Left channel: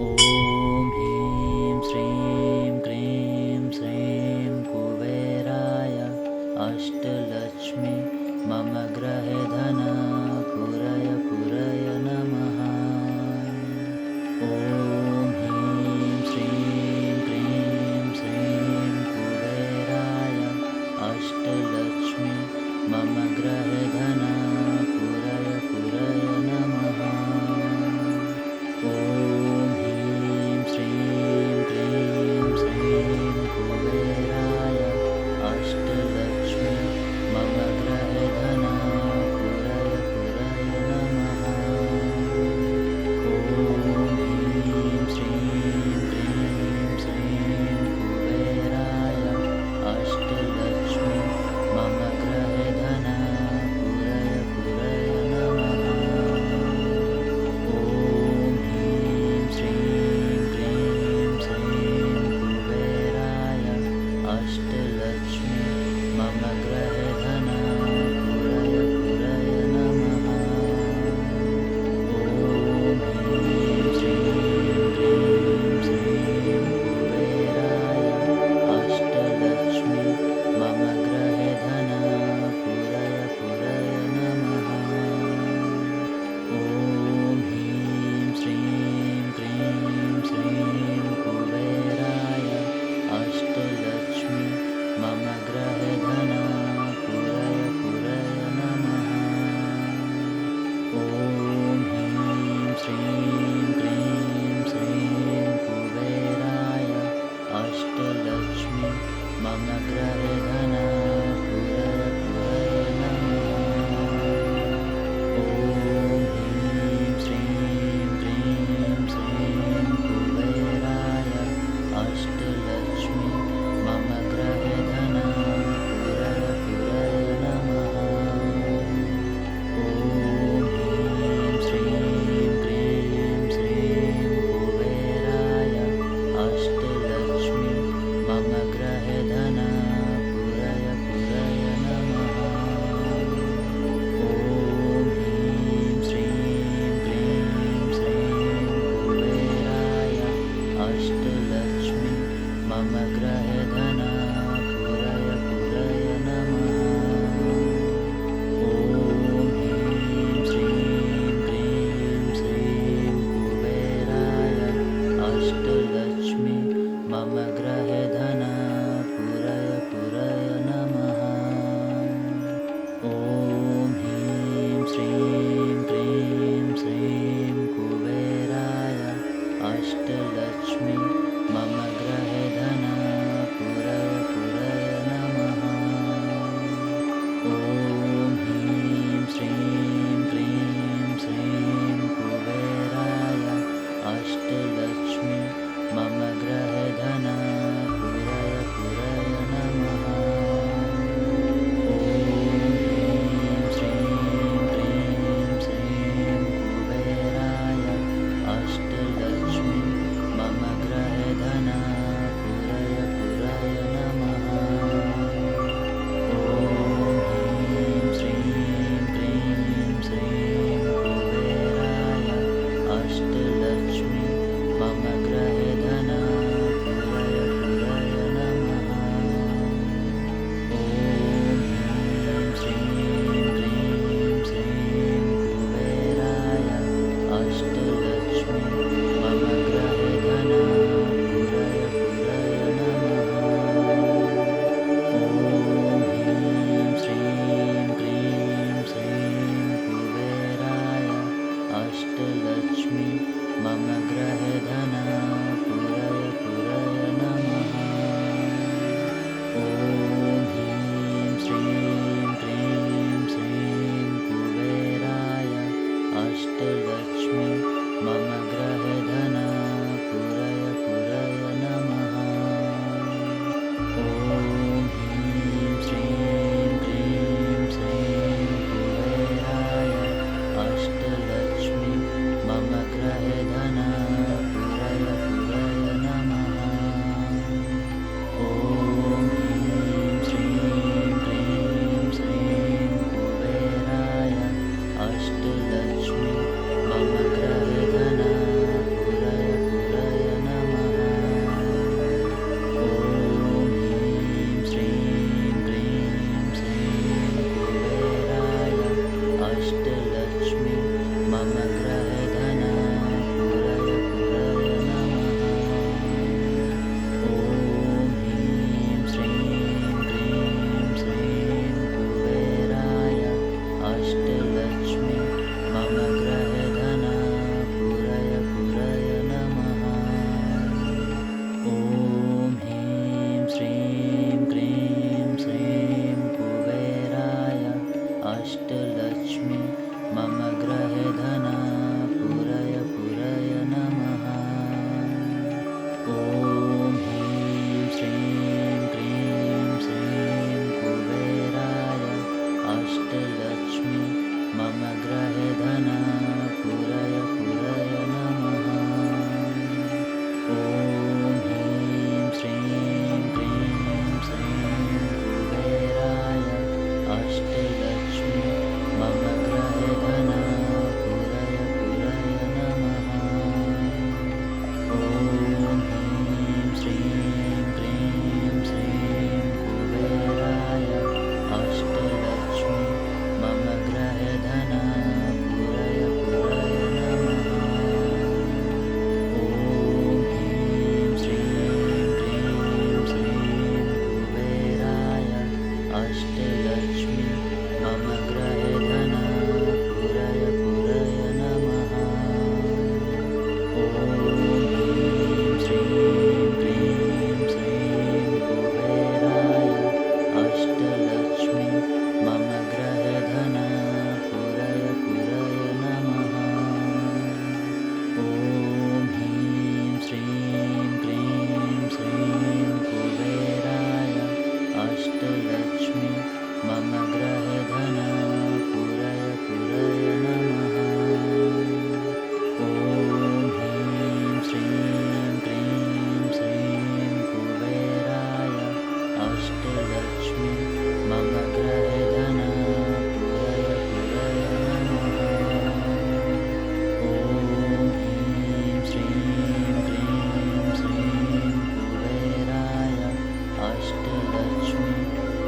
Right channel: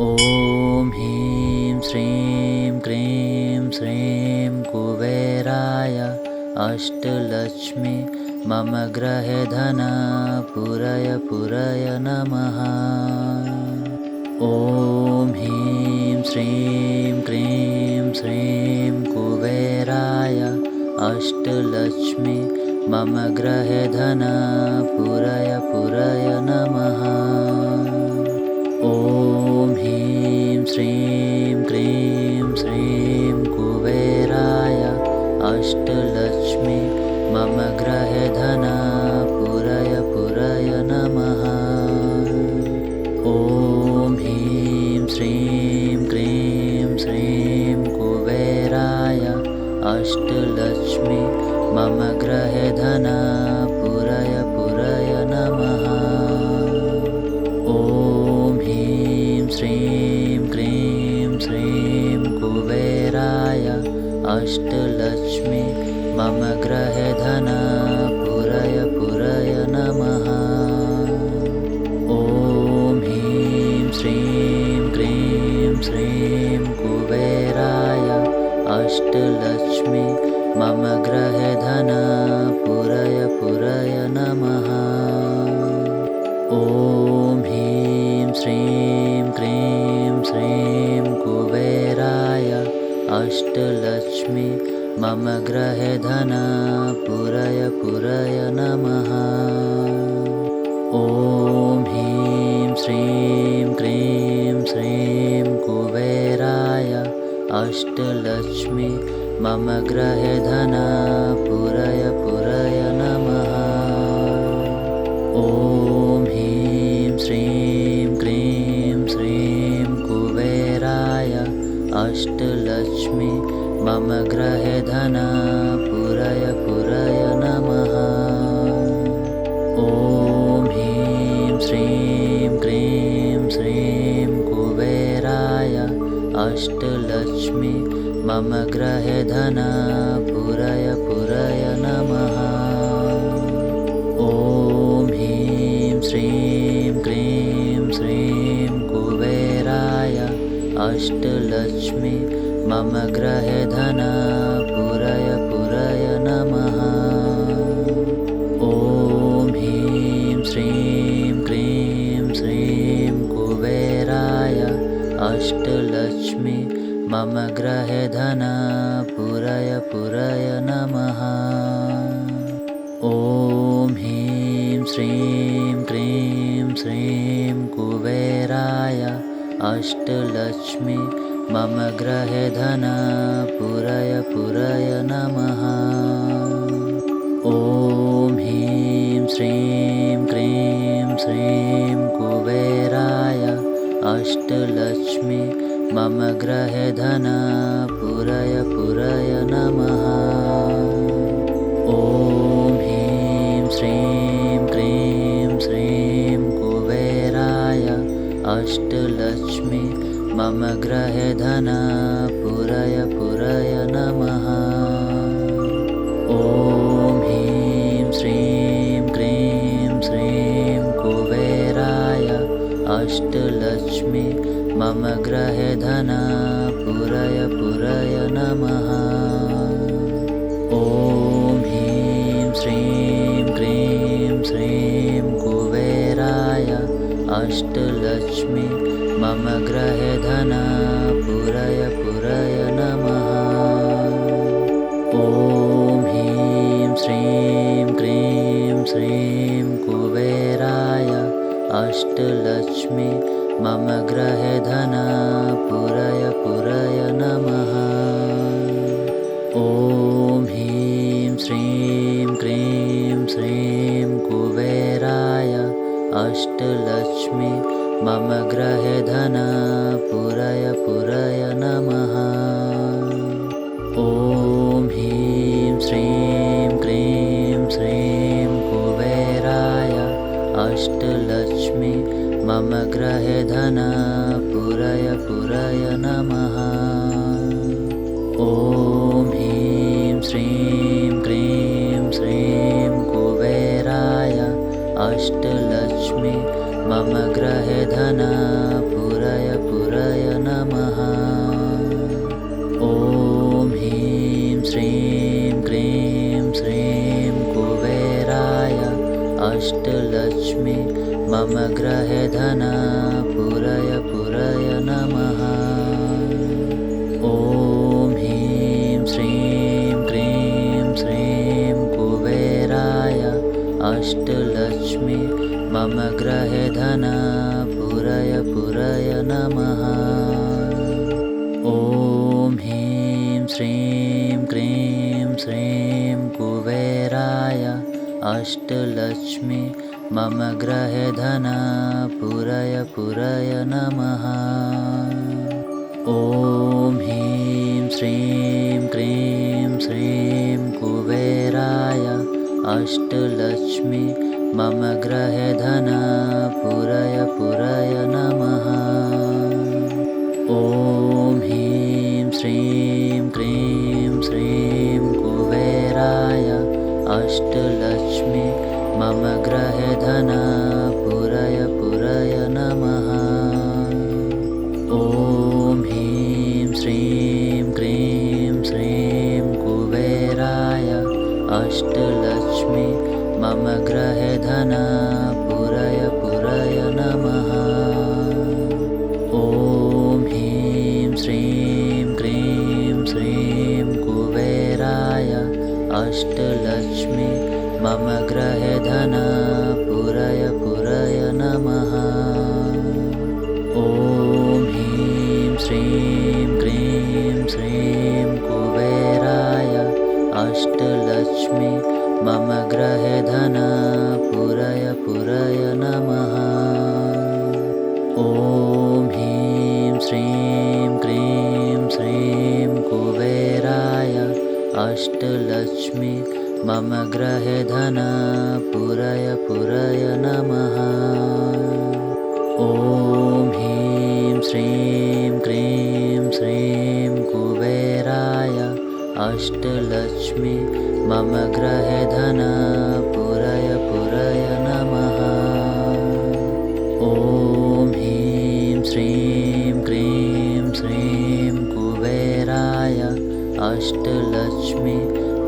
ॐ ह्रीं श्रीं क्रीं श्रीं कुबेराय अष्टलक्ष्मी मम गृहे धन पुरय नमः। ॐ ह्रीं श्रीं क्रीं श्रीं कुबेराय अष्टलक्ष्मी मम गृहे धन पुरय नमः। ॐ ह्रीं श्रीं क्रीं श्रीं कुबेराय अष्टलक्ष्मी मम गृहे धन पुरय नमः। ॐ ह्रीं श्रीं क्रीं श्रीं कुबेराय अष्टलक्ष्मी मम गृहे धन पुरय नमः। ॐ ह्रीं श्रीं क्रीं श्रीं कुबेराय अष्टलक्ष्मी मम गृहे धन पुरय नमः। ॐ ह्रीं श्रीं क्रीं श्रीं कुबेराय अष्टलक्ष्मी मम गृहे धन पुरय नमः। ॐ ह्रीं श्रीं क्रीं श्रीं कुबेराय अष्टलक्ष्मी मम गृहे धन पुरय नमः। ॐ ह्रीं श्रीं क्रीं श्रीं कुबेराय अष्टलक्ष्मी मम गृहे धन पुरय नमः। ॐ ह्रीं श्रीं क्रीं श्रीं कुबेराय अष्टलक्ष्मी मम गृहे धन पुरय नमः। ॐ ह्रीं श्रीं क्रीं श्रीं कुबेराय अष्टलक्ष्मी मम गृहे धन पुरय नमः। ॐ ह्रीं श्रीं क्रीं श्रीं कुबेराय अष्टलक्ष्मी मम गृहे धन पुरय नमः। ॐ ह्रीं श्रीं क्रीं श्रीं कुबेराय अष्टलक्ष्मी मम गृहे धन पुरय नमः। ॐ ह्रीं श्रीं क्रीं श्रीं कुबेराय अष्टलक्ष्मी मम गृहे धन पुरय नमः। ॐ ह्रीं श्रीं क्रीं श्रीं कुबेराय अष्टलक्ष्मी मम गृहे धन पुरय नमः। ॐ ह्रीं श्रीं क्रीं श्रीं कुबेराय अष्टलक्ष्मी मम गृहे धन पुरय नमः। ॐ ह्रीं श्रीं क्रीं श्रीं कुबेराय अष्टलक्ष्मी मम गृहे धन पुरय नमः। ॐ ह्रीं श्रीं क्रीं श्रीं कुबेराय अष्टलक्ष्मी मम गृहे धन पुरय नमः। ॐ ह्रीं श्रीं क्रीं श्रीं कुबेराय अष्टलक्ष्मी मम गृहे धन पुरय नमः। ॐ ह्रीं श्रीं क्रीं श्रीं कुबेराय अष्टलक्ष्मी मम गृहे धन पुरय नमः। ॐ ह्रीं श्रीं क्रीं श्रीं कुबेराय अष्टलक्ष्मी मम गृहे धन पुरय नमः। ॐ ह्रीं श्रीं क्रीं श्रीं कुबेराय अष्टलक्ष्मी मम गृहे धन पुरय अष्टलक्ष्मी मम गृहे धन पूरय पूरय नमः। ॐ ह्रीं श्रीं क्रीं श्रीं कुबेराय अष्टलक्ष्मी मम गृहे धन पूरय पूरय नमः। ॐ ह्रीं श्रीं क्रीं श्रीं कुबेराय अष्टलक्ष्मी मम गृहे धन पूरय पूरय नमः। ॐ ह्रीं श्रीं क्रीं श्रीं कुबेराय अष्टलक्ष्मी मम गृहे धन पूरय पूरय नमः। ॐ ह्रीं श्रीं क्रीं श्रीं कुबेराय अष्टलक्ष्मी मम गृहे धन पूरय पूरय नमः। ॐ ह्रीं श्रीं क्रीं श्रीं कुबेराय अष्टलक्ष्मी मम गृहे धन पूरय पूरय नमः। ॐ ह्रीं श्रीं क्रीं श्रीं कुबेराय अष्टलक्ष्मी मम गृहे धन पूरय पूरय नमः। ॐ ह्रीं श्रीं क्रीं श्रीं कुबेराय अष्टलक्ष्मी मम गृहे धन पूरय पूरय नमः। ॐ ह्रीं श्रीं क्रीं श्रीं कुबेराय अष्टलक्ष्मी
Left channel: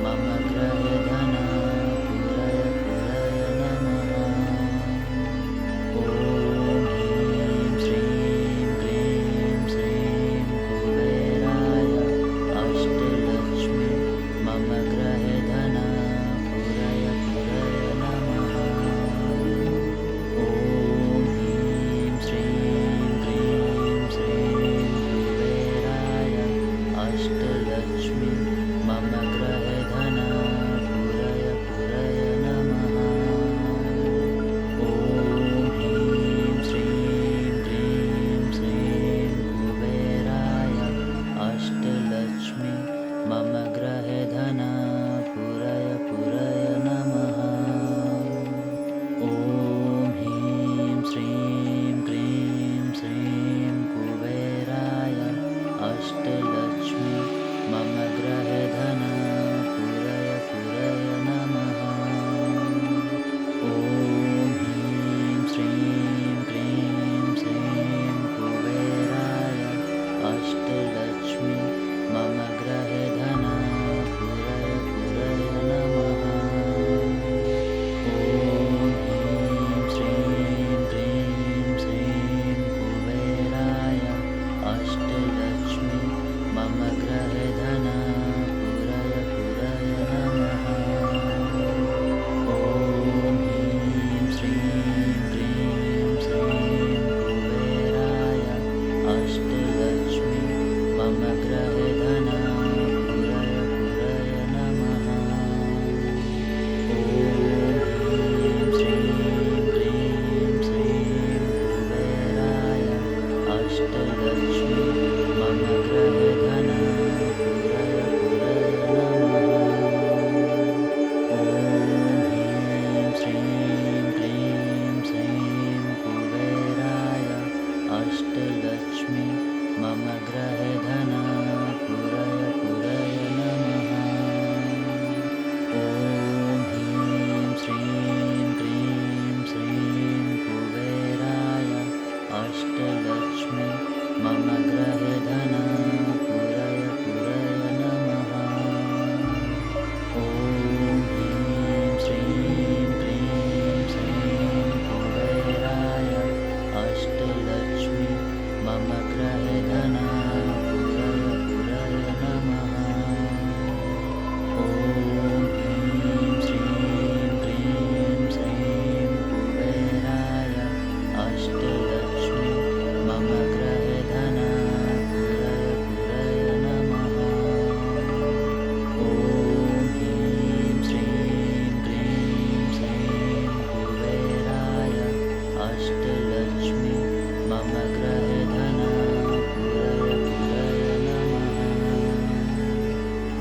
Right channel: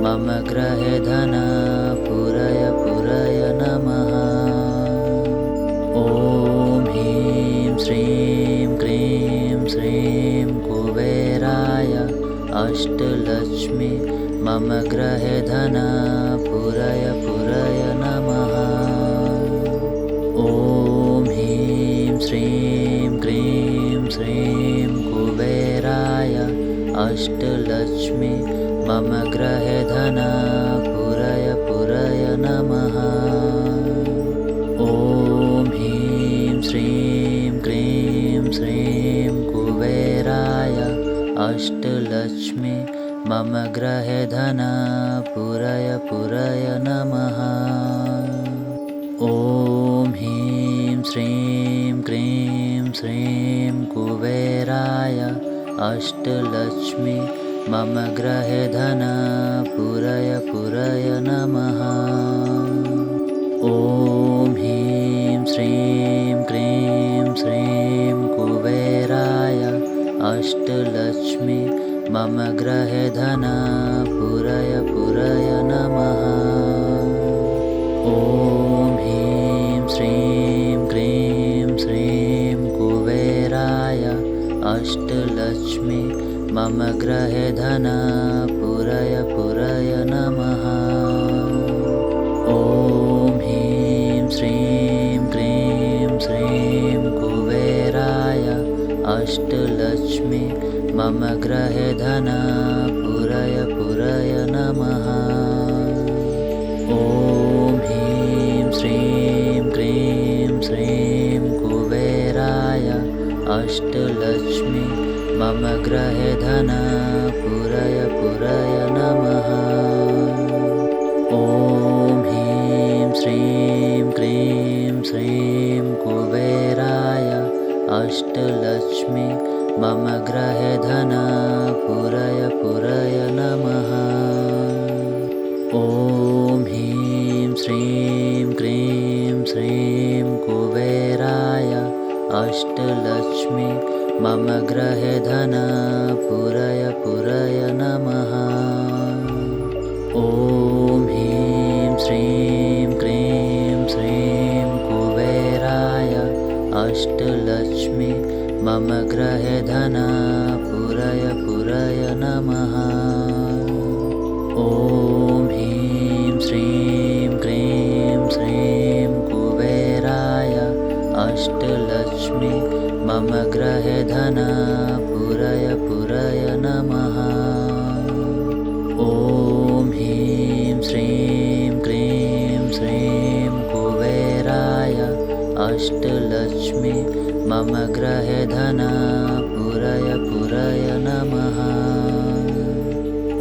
मम गृहे धन पूरय पूरय नमः। ॐ ह्रीं श्रीं क्रीं श्रीं कुबेराय अष्टलक्ष्मी मम गृहे धन पूरय पूरय नमः। ॐ ह्रीं श्रीं क्रीं श्रीं कुबेराय अष्टलक्ष्मी मम गृहे धन पूरय पूरय नमः। ॐ ह्रीं श्रीं क्रीं श्रीं कुबेराय अष्टलक्ष्मी मम गृहे धन पूरय पूरय नमः। ॐ ह्रीं श्रीं क्रीं श्रीं कुबेराय अष्टलक्ष्मी मम गृहे धन पूरय पूरय नमः। ॐ ह्रीं श्रीं क्रीं श्रीं कुबेराय अष्टलक्ष्मी मम गृहे धन पूरय पूरय नमः। ॐ ह्रीं श्रीं क्रीं श्रीं कुबेराय अष्टलक्ष्मी मम गृहे धन पूरय पूरय नमः। ॐ ह्रीं श्रीं क्रीं श्रीं कुबेराय अष्टलक्ष्मी मम गृहे धन पूरय पूरय नमः। ॐ ह्रीं श्रीं क्रीं श्रीं कुबेराय अष्टलक्ष्मी मम गृहे धन पूरय पूरय नमः। ॐ ह्रीं श्रीं क्रीं श्रीं कुबेराय अष्टलक्ष्मी मम गृहे धन पूरय पूरय नमः। ॐ ह्रीं श्रीं क्रीं श्रीं कुबेराय अष्टलक्ष्मी मम गृहे धन पूरय पूरय नमः। ॐ ह्रीं श्रीं क्रीं श्रीं कुबेराय अष्टलक्ष्मी मम गृहे धन पूरय पूरय नमः। ॐ ह्रीं श्रीं क्रीं श्रीं कुबेराय अष्टलक्ष्मी मम गृहे धन पूरय पूरय नमः। ॐ ह्रीं श्रीं क्रीं अष्टलक्ष्मी मम गृहे धन पूरय पूरय नमः।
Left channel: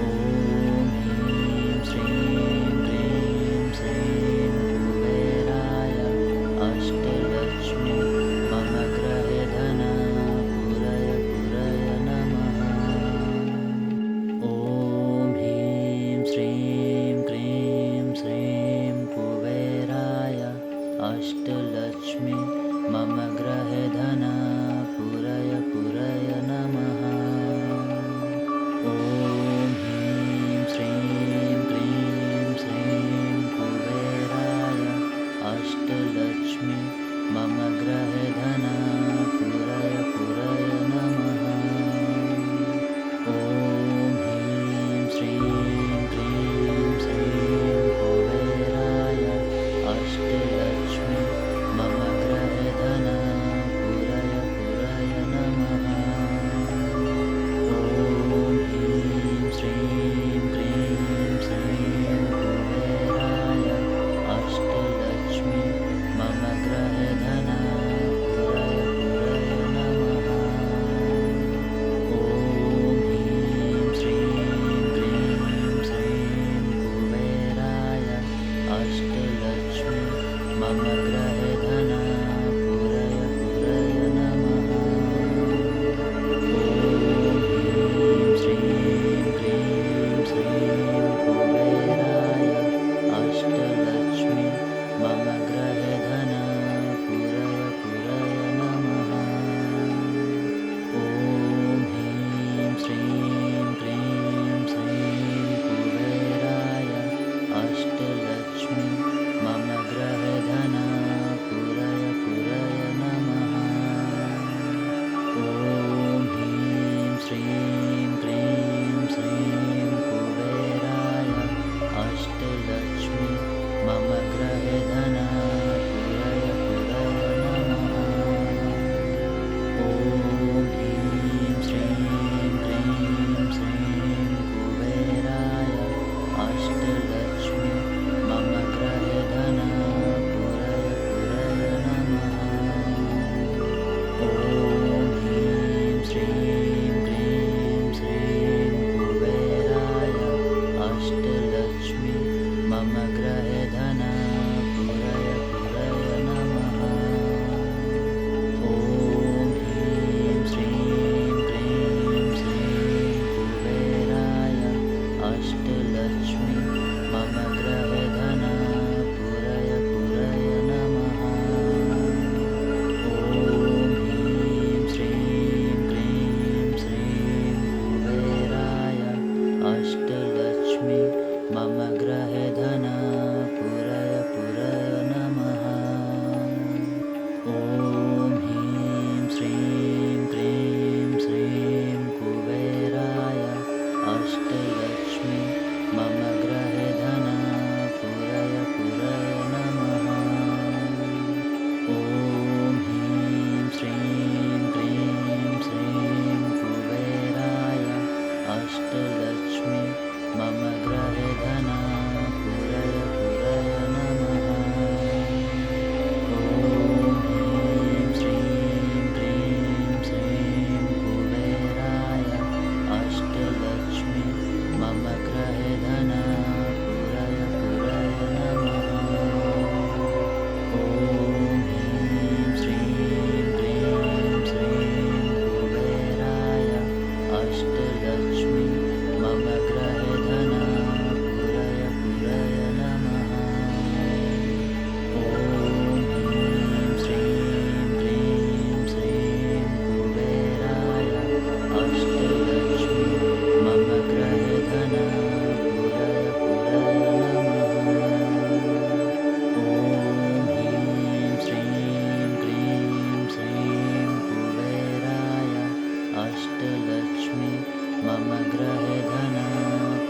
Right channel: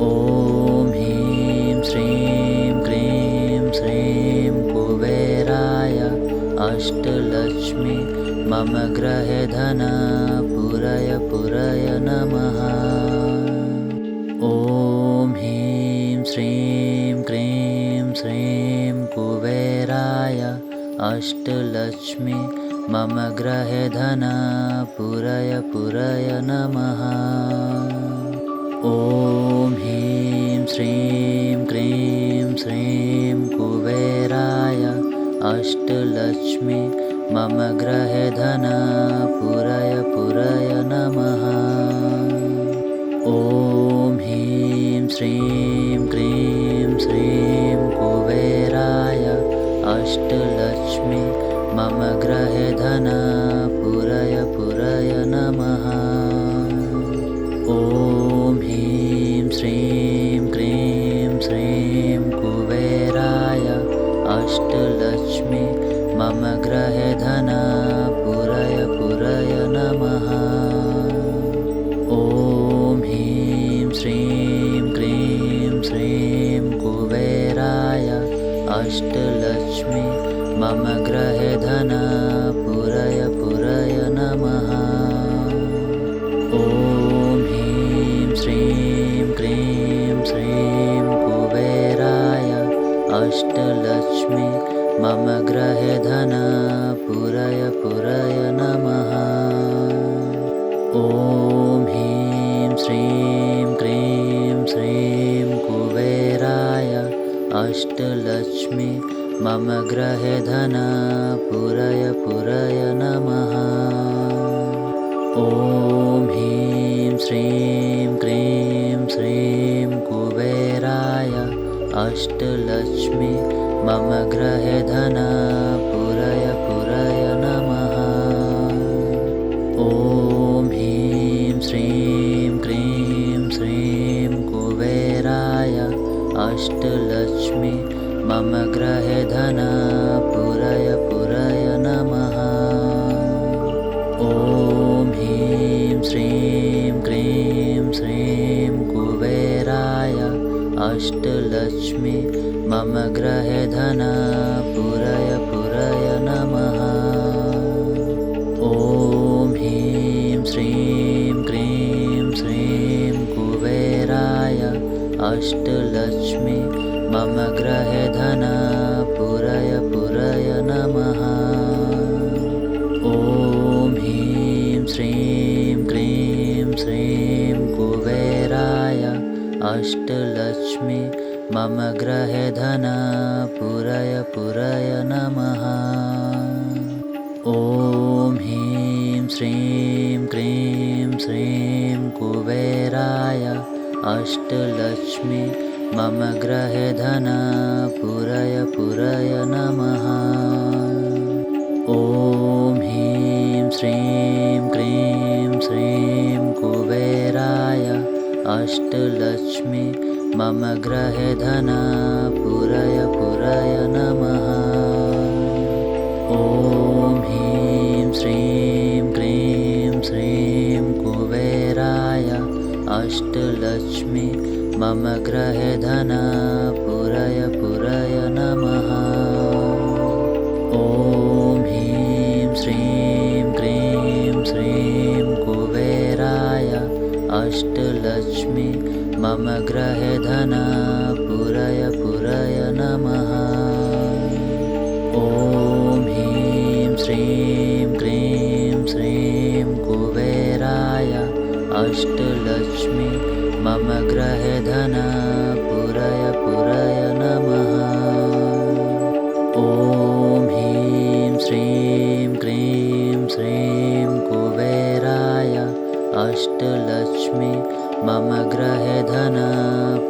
ॐ ह्रीं श्रीं क्रीं श्रीं कुबेराय अष्टलक्ष्मी मम गृहे धन पूरय पूरय नमः। ॐ ह्रीं श्रीं क्रीं श्रीं कुबेराय अष्टलक्ष्मी मम गृहे धन पूरय पूरय नमः। ॐ ह्रीं श्रीं क्रीं श्रीं कुबेराय अष्टलक्ष्मी मम गृहे धन पूरय पूरय नमः। ॐ ह्रीं श्रीं क्रीं श्रीं कुबेराय अष्टलक्ष्मी मम गृहे धन पूरय पूरय नमः। ॐ ह्रीं श्रीं क्रीं श्रीं कुबेराय अष्टलक्ष्मी मम गृहे धन पूरय पूरय नमः। ॐ ह्रीं श्रीं क्रीं श्रीं कुबेराय अष्टलक्ष्मी मम गृहे धन पूरय पूरय नमः। ॐ ह्रीं श्रीं क्रीं श्रीं कुबेराय अष्टलक्ष्मी मम गृहे धन पूरय पूरय नमः। ॐ ह्रीं श्रीं क्रीं श्रीं कुबेराय अष्टलक्ष्मी मम गृहे धन पूरय पूरय नमः। ॐ ह्रीं श्रीं क्रीं श्रीं कुबेराय अष्टलक्ष्मी मम गृहे धन पूरय पूरय नमः। ॐ ह्रीं श्रीं क्रीं श्रीं कुबेराय अष्टलक्ष्मी मम गृहे धन पूरय पूरय नमः। ॐ ह्रीं श्रीं क्रीं श्रीं कुबेराय अष्टलक्ष्मी मम गृहे धन पूरय पूरय नमः। ॐ ह्रीं श्रीं क्रीं श्रीं कुबेराय अष्टलक्ष्मी मम गृहे धन पूरय पूरय नमः। ॐ ह्रीं श्रीं क्रीं श्रीं कुबेराय अष्टलक्ष्मी मम गृहे धन पूरय पूरय नमः। ॐ ह्रीं श्रीं क्रीं श्रीं कुबेराय अष्टलक्ष्मी मम गृहे धन पूरय पूरय नमः। ॐ ह्रीं श्रीं क्रीं श्रीं कुबेराय अष्टलक्ष्मी मम गृहे धन पूरय पूरय नमः। ॐ ह्रीं श्रीं क्रीं श्रीं कुबेराय अष्टलक्ष्मी मम गृहे धन पूरय पूरय नमः। ॐ ह्रीं श्रीं क्रीं श्रीं कुबेराय अष्टलक्ष्मी मम गृहे धन पूरय पूरय नमः। ॐ ह्रीं श्रीं क्रीं श्रीं कुबेराय अष्टलक्ष्मी मम गृहे धन पूरय पूरय नमः। ॐ ह्रीं श्रीं क्रीं श्रीं कुबेराय अष्टलक्ष्मी मम गृहे धन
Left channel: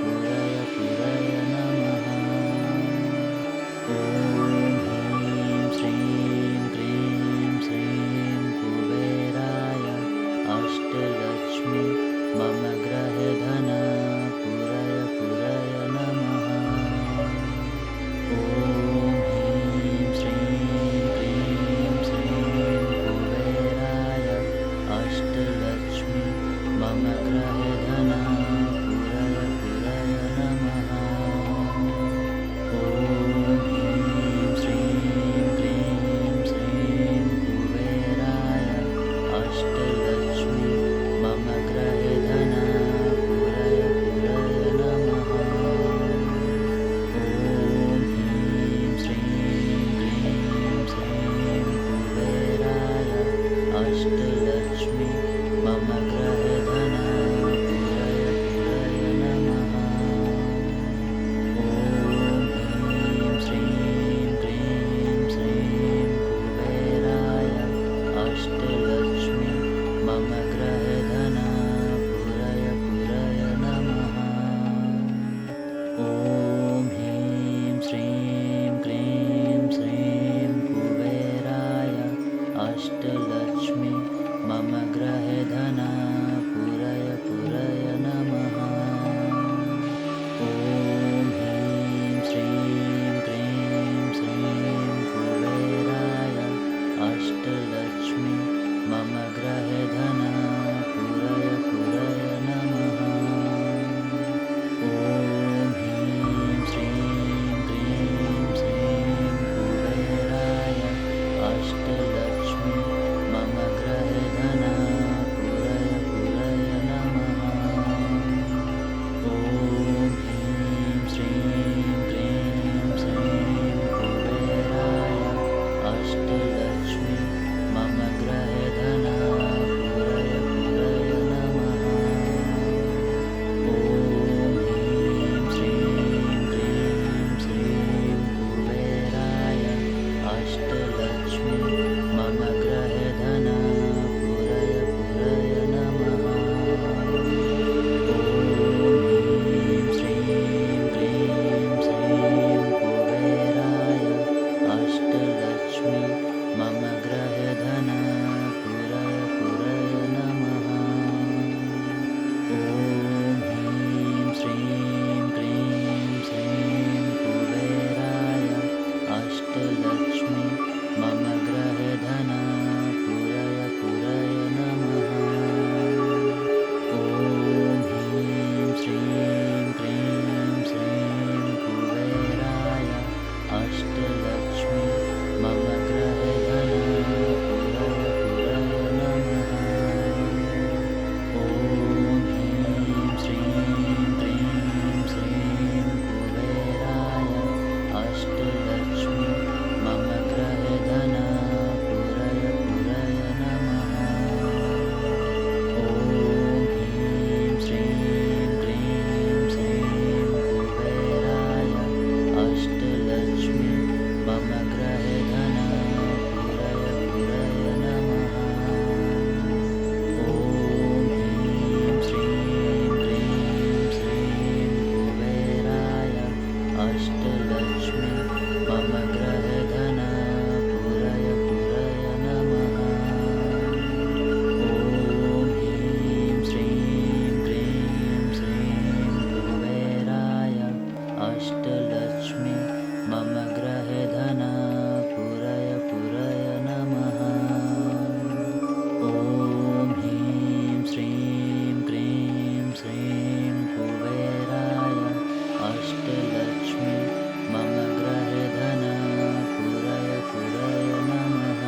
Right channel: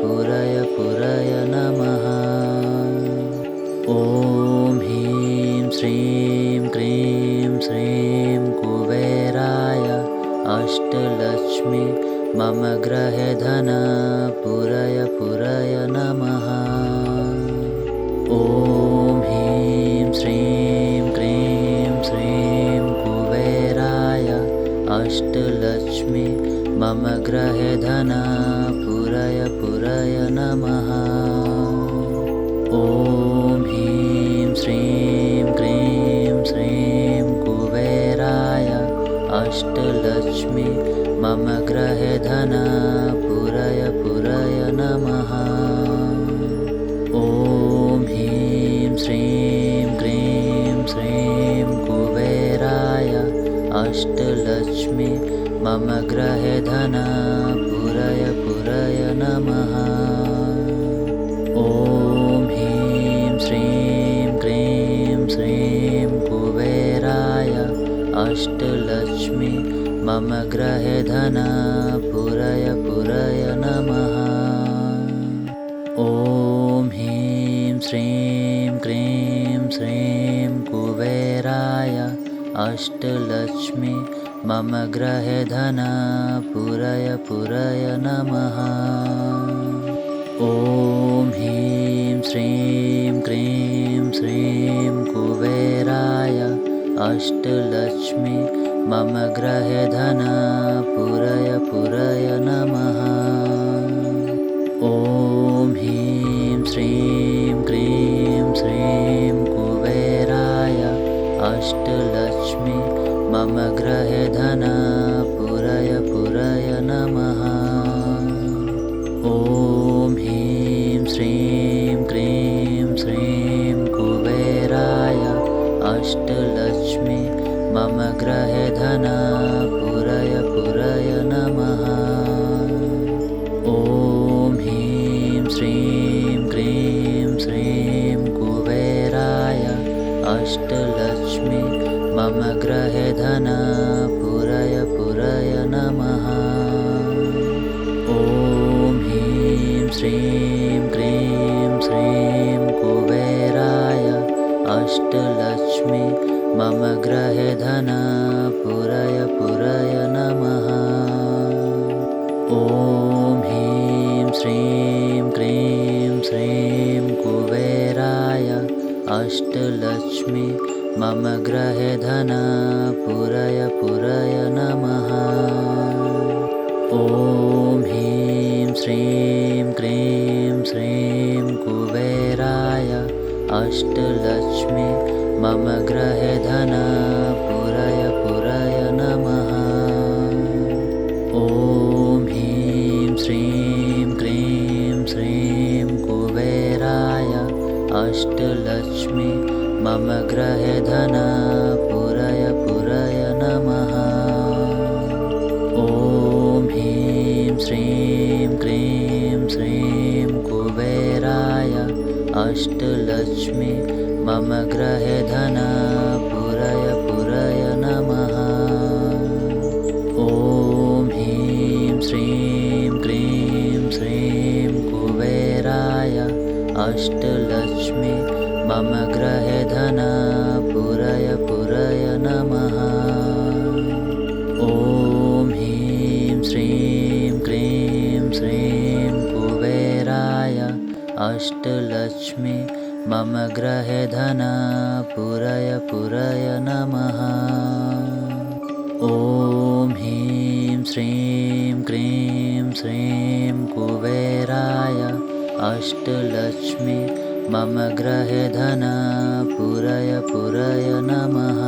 पूरय पूरय नमः। ॐ ह्रीं श्रीं क्रीं श्रीं कुबेराय अष्टलक्ष्मी मम गृहे धन पूरय पूरय नमः। ॐ ह्रीं श्रीं क्रीं श्रीं अष्टलक्ष्मी मम गृहे धना पुरय पुरय नमः। ॐ ह्रीं श्रीं क्रीं श्रीं कुबेराय अष्टलक्ष्मी मम गृहे धना पुरय पुरय नमः। ॐ ह्रीं श्रीं क्रीं श्रीं कुबेराय अष्टलक्ष्मी मम गृहे धना पुरय पुरय नमः। ॐ ह्रीं श्रीं क्रीं श्रीं कुबेराय अष्टलक्ष्मी मम गृहे धना पुरय पुरय नमः। ॐ ह्रीं श्रीं क्रीं श्रीं कुबेराय अष्टलक्ष्मी मम गृहे धना पुरय पुरय नमः। ॐ ह्रीं श्रीं क्रीं श्रीं कुबेराय अष्टलक्ष्मी मम गृहे धना पुरय पुरय नमः। ॐ ह्रीं श्रीं क्रीं श्रीं कुबेराय अष्टलक्ष्मी मम गृहे धना पुरय पुरय नमः। ॐ ह्रीं श्रीं क्रीं श्रीं कुबेराय अष्टलक्ष्मी मम गृहे धना पुरय पुरय नमः। ॐ ह्रीं श्रीं क्रीं श्रीं कुबेराय अष्टलक्ष्मी मम गृहे धना पुरय पुरय नमः। ॐ ह्रीं श्रीं क्रीं श्रीं कुबेराय अष्टलक्ष्मी मम गृहे धना पुरय पुरय नमः। ॐ ह्रीं श्रीं क्रीं श्रीं कुबेराय अष्टलक्ष्मी मम गृहे धना पुरय पुरय नमः। ॐ ह्रीं श्रीं क्रीं श्रीं कुबेराय अष्टलक्ष्मी मम गृहे धना पुरय पुरय नमः। ॐ ह्रीं श्रीं क्रीं श्रीं कुबेराय अष्टलक्ष्मी मम गृहे धना पुरय पुरय नमः। ॐ ह्रीं श्रीं क्रीं श्रीं कुबेराय अष्टलक्ष्मी मम गृहे धना पुरय पुरय नमः। ॐ ह्रीं श्रीं क्रीं श्रीं कुबेराय अष्टलक्ष्मी मम गृहे धना पुरय पुरय नमः। ॐ ह्रीं श्रीं क्रीं श्रीं कुबेराय अष्टलक्ष्मी मम गृहे धना पुरय पुरय नमः। ॐ ह्रीं श्रीं क्रीं श्रीं कुबेराय अष्टलक्ष्मी मम गृहे धना पुरय पुरय नमः।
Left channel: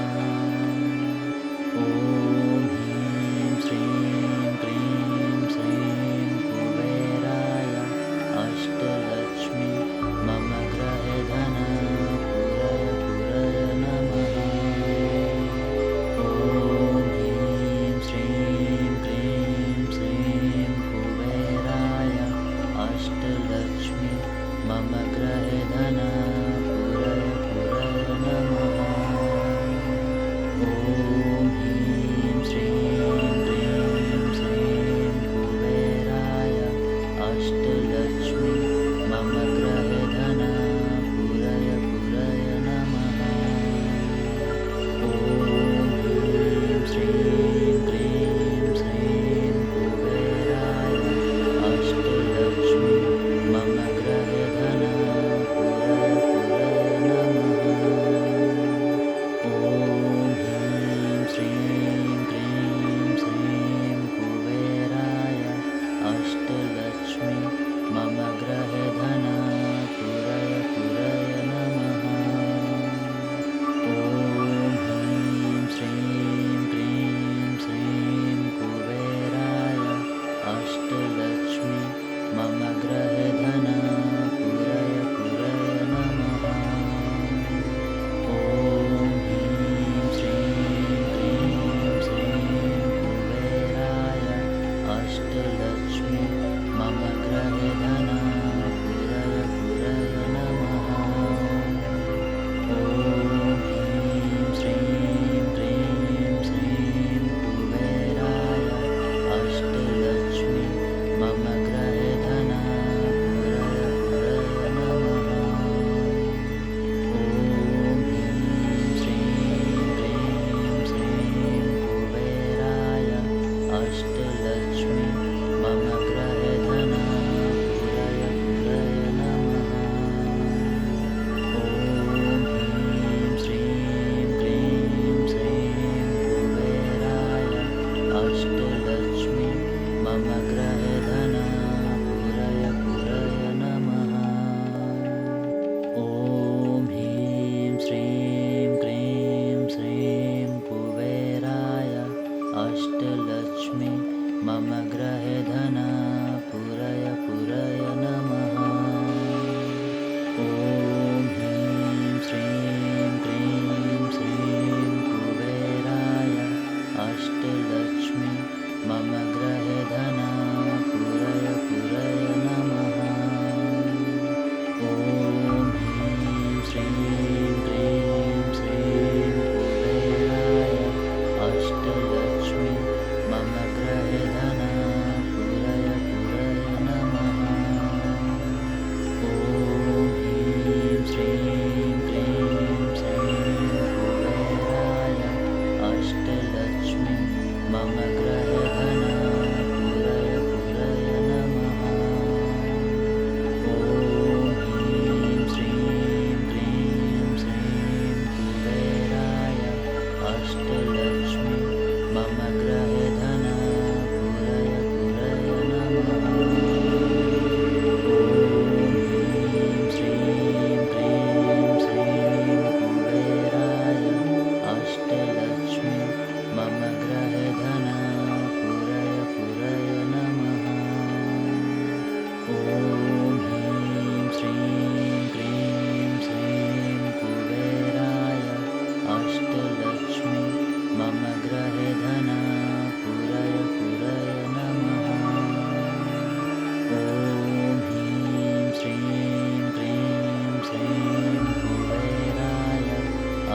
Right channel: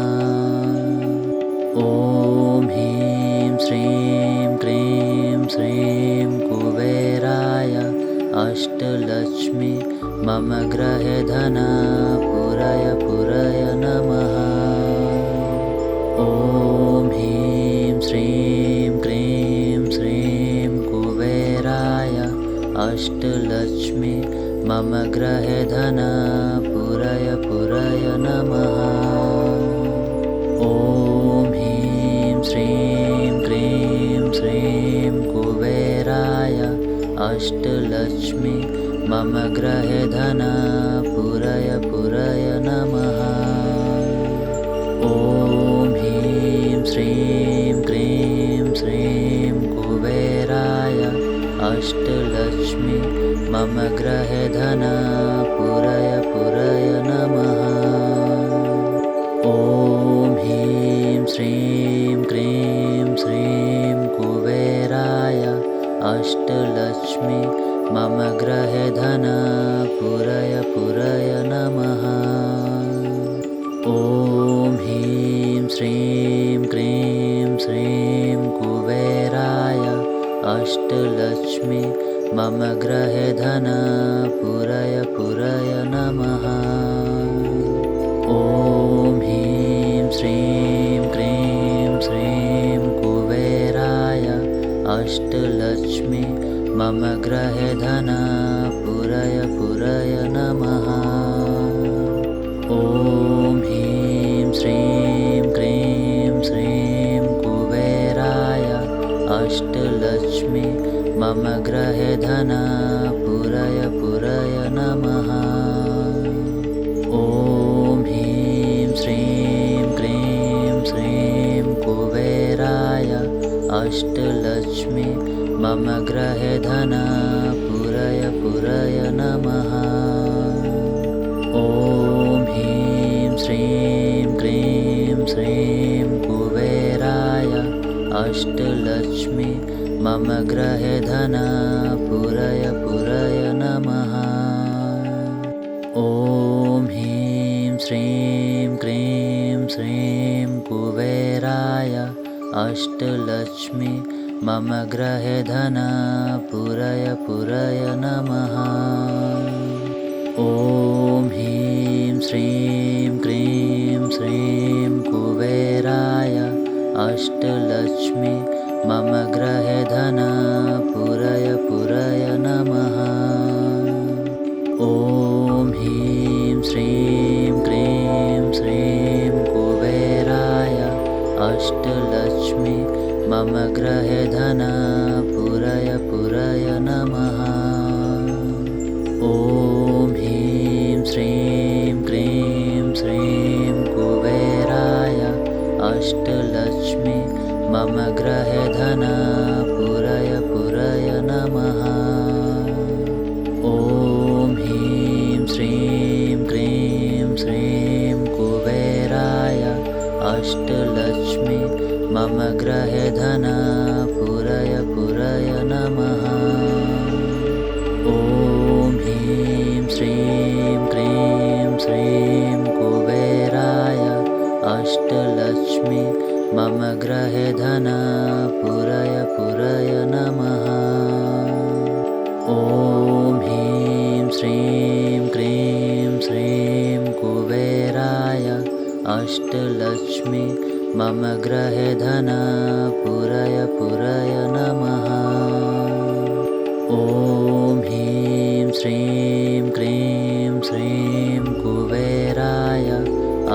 ॐ ह्रीं श्रीं क्रीं श्रीं कुबेराय अष्टलक्ष्मी मम गृहे धना पुरय पुरय नमः। ॐ ह्रीं श्रीं क्रीं श्रीं कुबेराय अष्टलक्ष्मी मम गृहे धना पुरय पुरय नमः। ॐ ह्रीं श्रीं क्रीं श्रीं कुबेराय अष्टलक्ष्मी मम गृहे धना पुरय पुरय नमः। ॐ ह्रीं श्रीं क्रीं श्रीं कुबेराय अष्टलक्ष्मी मम गृहे धना पुरय पुरय नमः। ॐ ह्रीं श्रीं क्रीं श्रीं अष्टलक्ष्मी मम गृहे धन पूरय पूरय नमः। ॐ ह्रीं श्रीं क्रीं श्रीं कुबेराय अष्टलक्ष्मी मम गृहे धन पूरय पूरय नमः। ॐ ह्रीं श्रीं क्रीं श्रीं कुबेराय अष्टलक्ष्मी मम गृहे धन पूरय पूरय नमः। ॐ ह्रीं श्रीं क्रीं श्रीं कुबेराय अष्टलक्ष्मी मम गृहे धन पूरय पूरय नमः। ॐ ह्रीं श्रीं क्रीं श्रीं कुबेराय अष्टलक्ष्मी मम गृहे धन पूरय पूरय नमः। ॐ ह्रीं श्रीं क्रीं श्रीं कुबेराय अष्टलक्ष्मी मम गृहे धन पूरय पूरय नमः। ॐ ह्रीं श्रीं क्रीं श्रीं कुबेराय अष्टलक्ष्मी मम गृहे धन पूरय पूरय नमः। ॐ ह्रीं श्रीं क्रीं श्रीं कुबेराय अष्टलक्ष्मी मम गृहे धन पूरय पूरय नमः। ॐ ह्रीं श्रीं क्रीं श्रीं कुबेराय अष्टलक्ष्मी मम गृहे धन पूरय पूरय नमः। ॐ ह्रीं श्रीं क्रीं श्रीं कुबेराय अष्टलक्ष्मी मम गृहे धन पूरय पूरय नमः। ॐ ह्रीं श्रीं क्रीं श्रीं कुबेराय अष्टलक्ष्मी मम गृहे धन पूरय पूरय नमः। ॐ ह्रीं श्रीं क्रीं श्रीं कुबेराय अष्टलक्ष्मी मम गृहे धन पूरय पूरय नमः। ॐ ह्रीं श्रीं क्रीं श्रीं कुबेराय अष्टलक्ष्मी मम गृहे धन पूरय पूरय नमः। ॐ ह्रीं श्रीं क्रीं श्रीं कुबेराय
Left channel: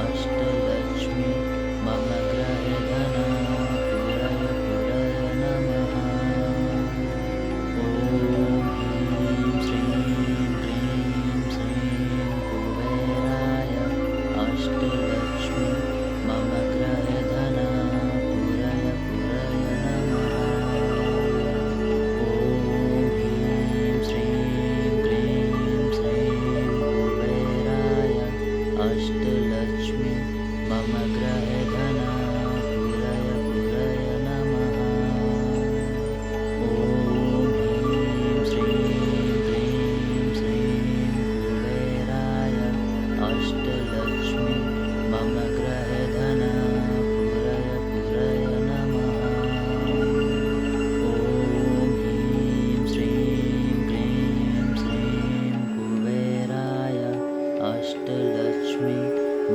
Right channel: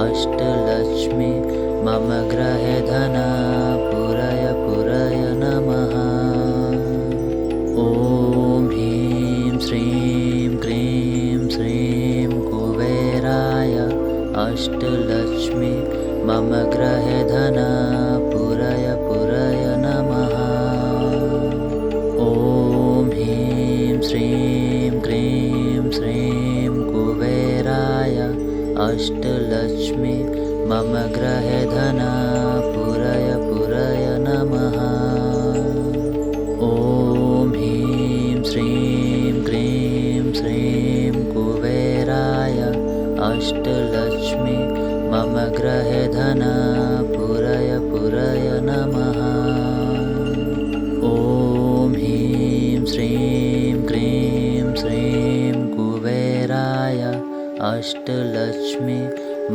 अष्टलक्ष्मी मम गृहे धन पूरय पूरय नमः। ॐ ह्रीं श्रीं क्रीं श्रीं कुबेराय अष्टलक्ष्मी मम गृहे धन पूरय पूरय नमः। ॐ ह्रीं श्रीं क्रीं श्रीं कुबेराय अष्टलक्ष्मी मम गृहे धन पूरय पूरय नमः। ॐ ह्रीं श्रीं क्रीं श्रीं कुबेराय अष्टलक्ष्मी मम गृहे धन पूरय पूरय नमः। ॐ ह्रीं श्रीं क्रीं श्रीं कुबेराय अष्टलक्ष्मी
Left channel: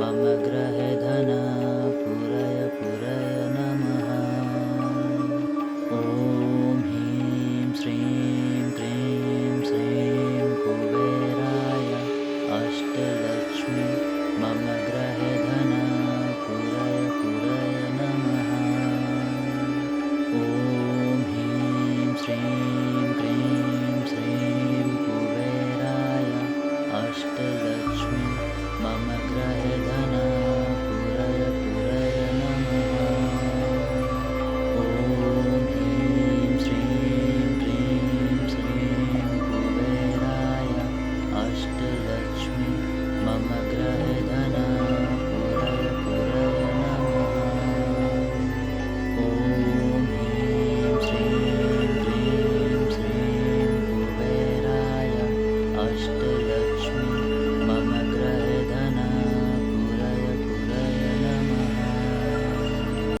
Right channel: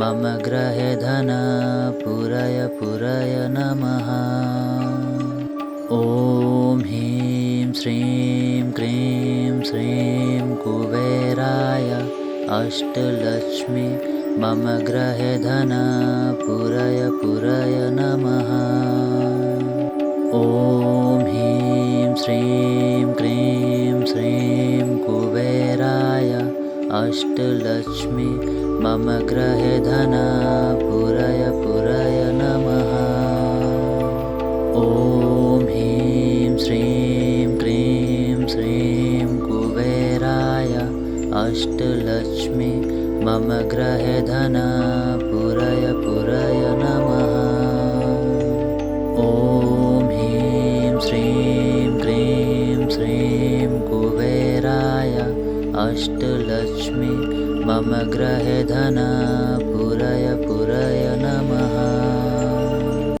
मम गृहे धन पूरय पूरय नमः। ॐ ह्रीं श्रीं क्रीं श्रीं कुबेराय अष्टलक्ष्मी मम गृहे धन पूरय पूरय नमः। ॐ ह्रीं श्रीं क्रीं श्रीं कुबेराय अष्टलक्ष्मी मम गृहे धन पूरय पूरय नमः। ॐ ह्रीं श्रीं क्रीं श्रीं कुबेराय अष्टलक्ष्मी मम गृहे धन